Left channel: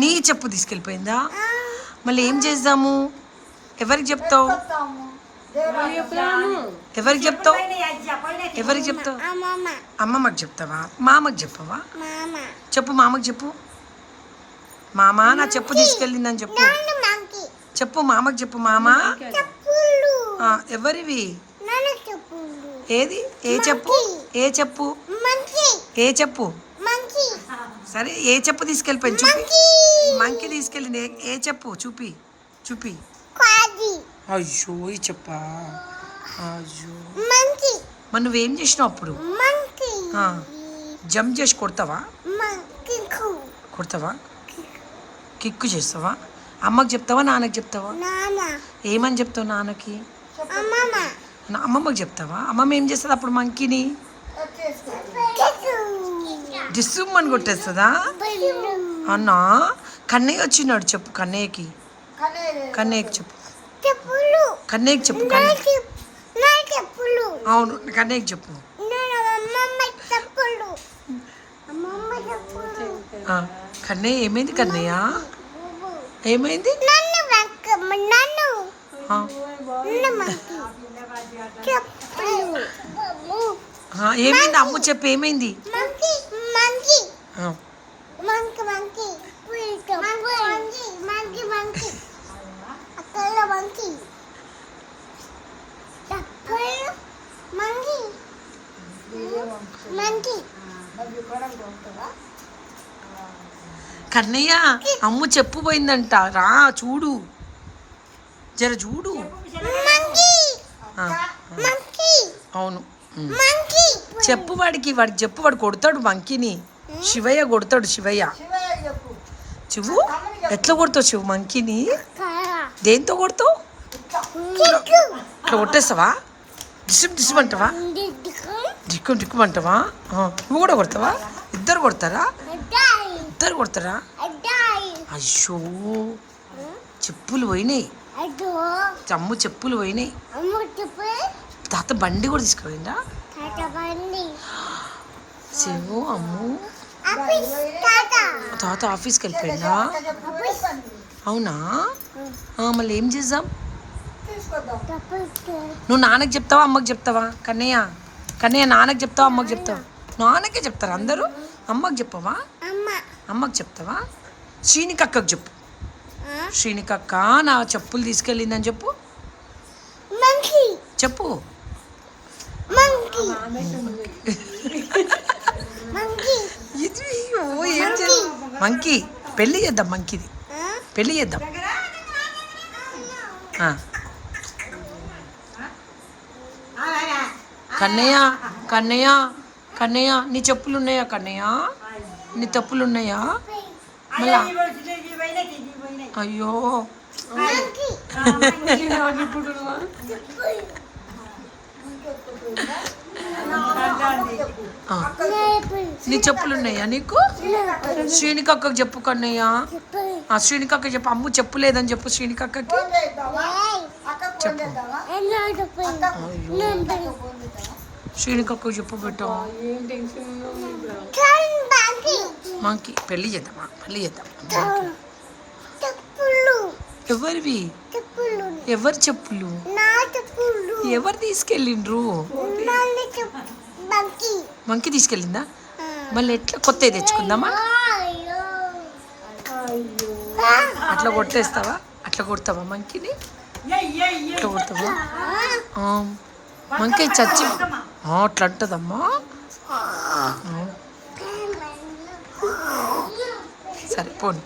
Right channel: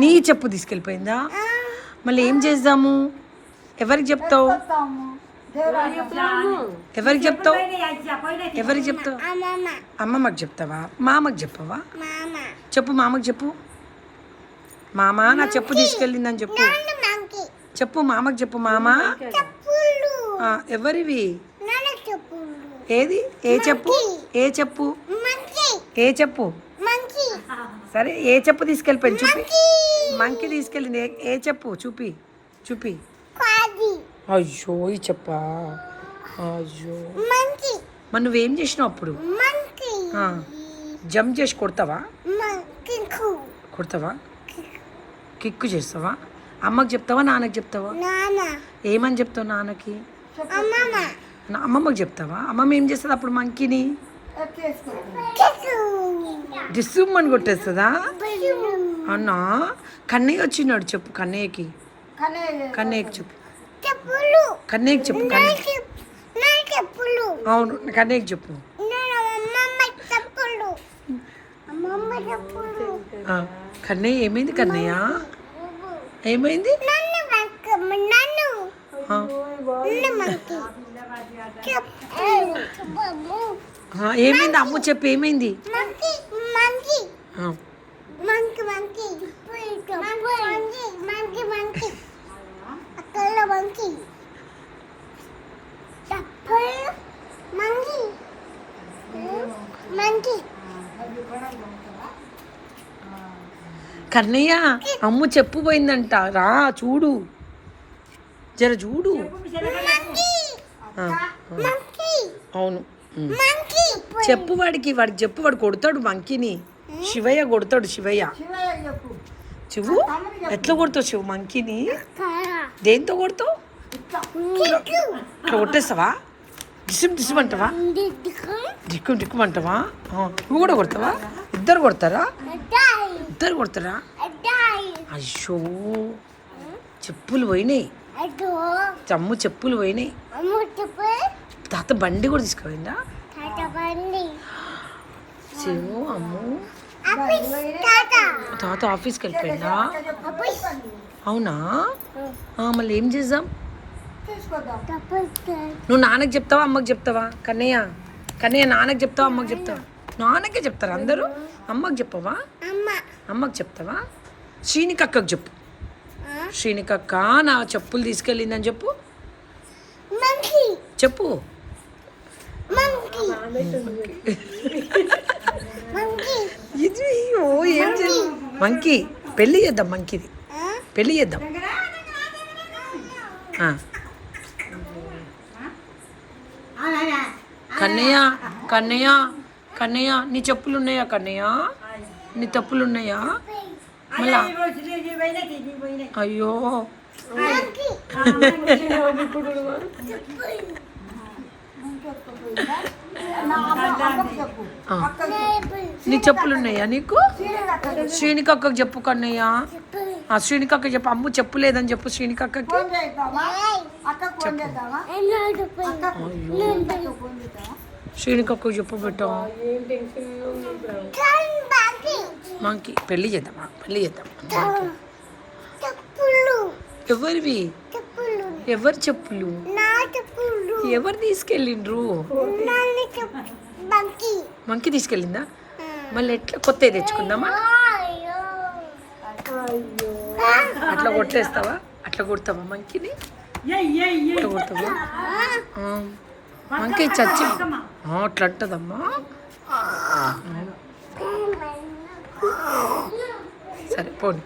నీ చెప్పు తీసుకెళ్ళిపోయిందా? మళ్ళీ ఏం చేద్దాము? ఎవరికి చెప్తావు? ఎవరికి చెప్తావు? ఎవరికి చెప్తావు? అమ్మమ్మకి చెప్తావా? మామకి చెప్పవా? చెప్పు, మామకి చెప్పు. మామ నా చెప్పు తీసుకెళ్ళిందని చెప్పు. చెప్పు మామకి చెప్పు. మామ ఎవరివి? ఏది? ఏ చెప్పు? ఏ చెప్పు? ఏ చెప్పు? సరే, ఏ చెప్పు తీసుకెళ్ళిపోయింది చూపి. మంకీ తీసుకెళ్ళింది. ఏ చెప్పు చూపి, చూపి. అయ్యో ఈ చెప్పా. అయ్యో మరి నువ్వేం చేసినావు అప్పుడు? జంప్ చేసి కొడతావా? కొడతావా? కిక్కు చేస్తావా? అమ్మకి చెప్తావా, నాన్నకి చెప్తావా? ఏమని చెప్తావు నాన్నకి? అమ్మమ్మకి చెప్తావా? అమ్మమ్మ ఏం చేస్తుంది అప్పుడు మంకీని? డిస్సుమ్మని కొట్టేస్తుందా? అన్నా కన్నయ్య వచ్చినాడు చెప్పు. కన్నయ్యకి చెప్పు. కన్నయ్యకి చెప్పు. అవును, కన్నయ్యకి చెప్పు. కన్నయ్య ఏమైంది? కన్నయ్య ఏమైంది? ఏమైంది? అమ్ము చెప్పు, ఏమైంది? కన్నయ్య అమ్ము చెప్పు పోయిందంట. రా చూడు, జర చూడు. అవును, చెప్పు వాడికి చెప్పు. వాడు కొడతాడు మంకీని. శివయ్య కొడతాడు. శివయ్య శివు ఎట్లా కొడతావు? శివు మంకీని దేంతో కొడతావు? ఇట్లా కొట్టేస్తావా? డిస్మ్ అంటావా? డిక్కుమంటావా? నువ్వు కూడా కొడతావా? ఇద్దరు కొడతారా? అయ్యో చెప్పులు పోయినాయి. అమ్ము చెప్పులు పోయినాయి. తాత బండి కూడా తీసుకుపోయిందా? శివు అమ్ము తాత ఆఫీస్కి వెళ్ళిపోయిందా? అవునా? మళ్ళీ ఏం చేద్దాం? నువ్వు నాన్నకి చెప్తావా, అమ్మకి చెప్తావా? కన్నయ్య నాన్నకి చెప్తావా, అమ్మకి చెప్తావా? నాన్నకే చెప్తారు అందరూ. అమ్మకి చెప్పవా? అమ్మకి చెప్తావా? శ్రీనికక్కకి చెప్పు. శ్రీనికక్క నా చెప్పులు తీసుకెళ్ళిందని చెప్పు. చెప్పు. ఇది ఏం చేయాలి? మంకీ పెళ్ళి చేద్దాం. మంకీది పెళ్ళి చేద్దాం. కన్నయ్య నీ చెప్పులు ఉన్నాయా? కన్నయ్య నీ తప్పులు ఉన్నాయా? మళ్ళా అయ్యో నీ చెప్పులు ఉన్నాయా నీకు? శ్రీనికక్కకి చెప్పు. కన్నయ్య శ్రీనికక్క చెప్పు. అమ్ము చెప్పు లేదని చెప్పు శ్రీనికక్కకి చెప్పు. శ్రీనికక్కకి చెప్పు బిడ్డ. మంకీ పెళ్ళి చేద్దామా? ఎవరివి? ఎవరు చెప్పులు? ఎవరు తీసుకెళ్ళిండ్రు? మంకీ తీసుకెళ్ళిందా? మళ్ళీ ఎట్లా కొత్త తెచ్చుకుందామా? అట్లా కొట్టేస్తావా? అట్లా కొడతావా మంకీని? అట్లా కొడతావా? మంకీ చచ్చి అట్లా అంటదమ్మా. సరే పోనీ.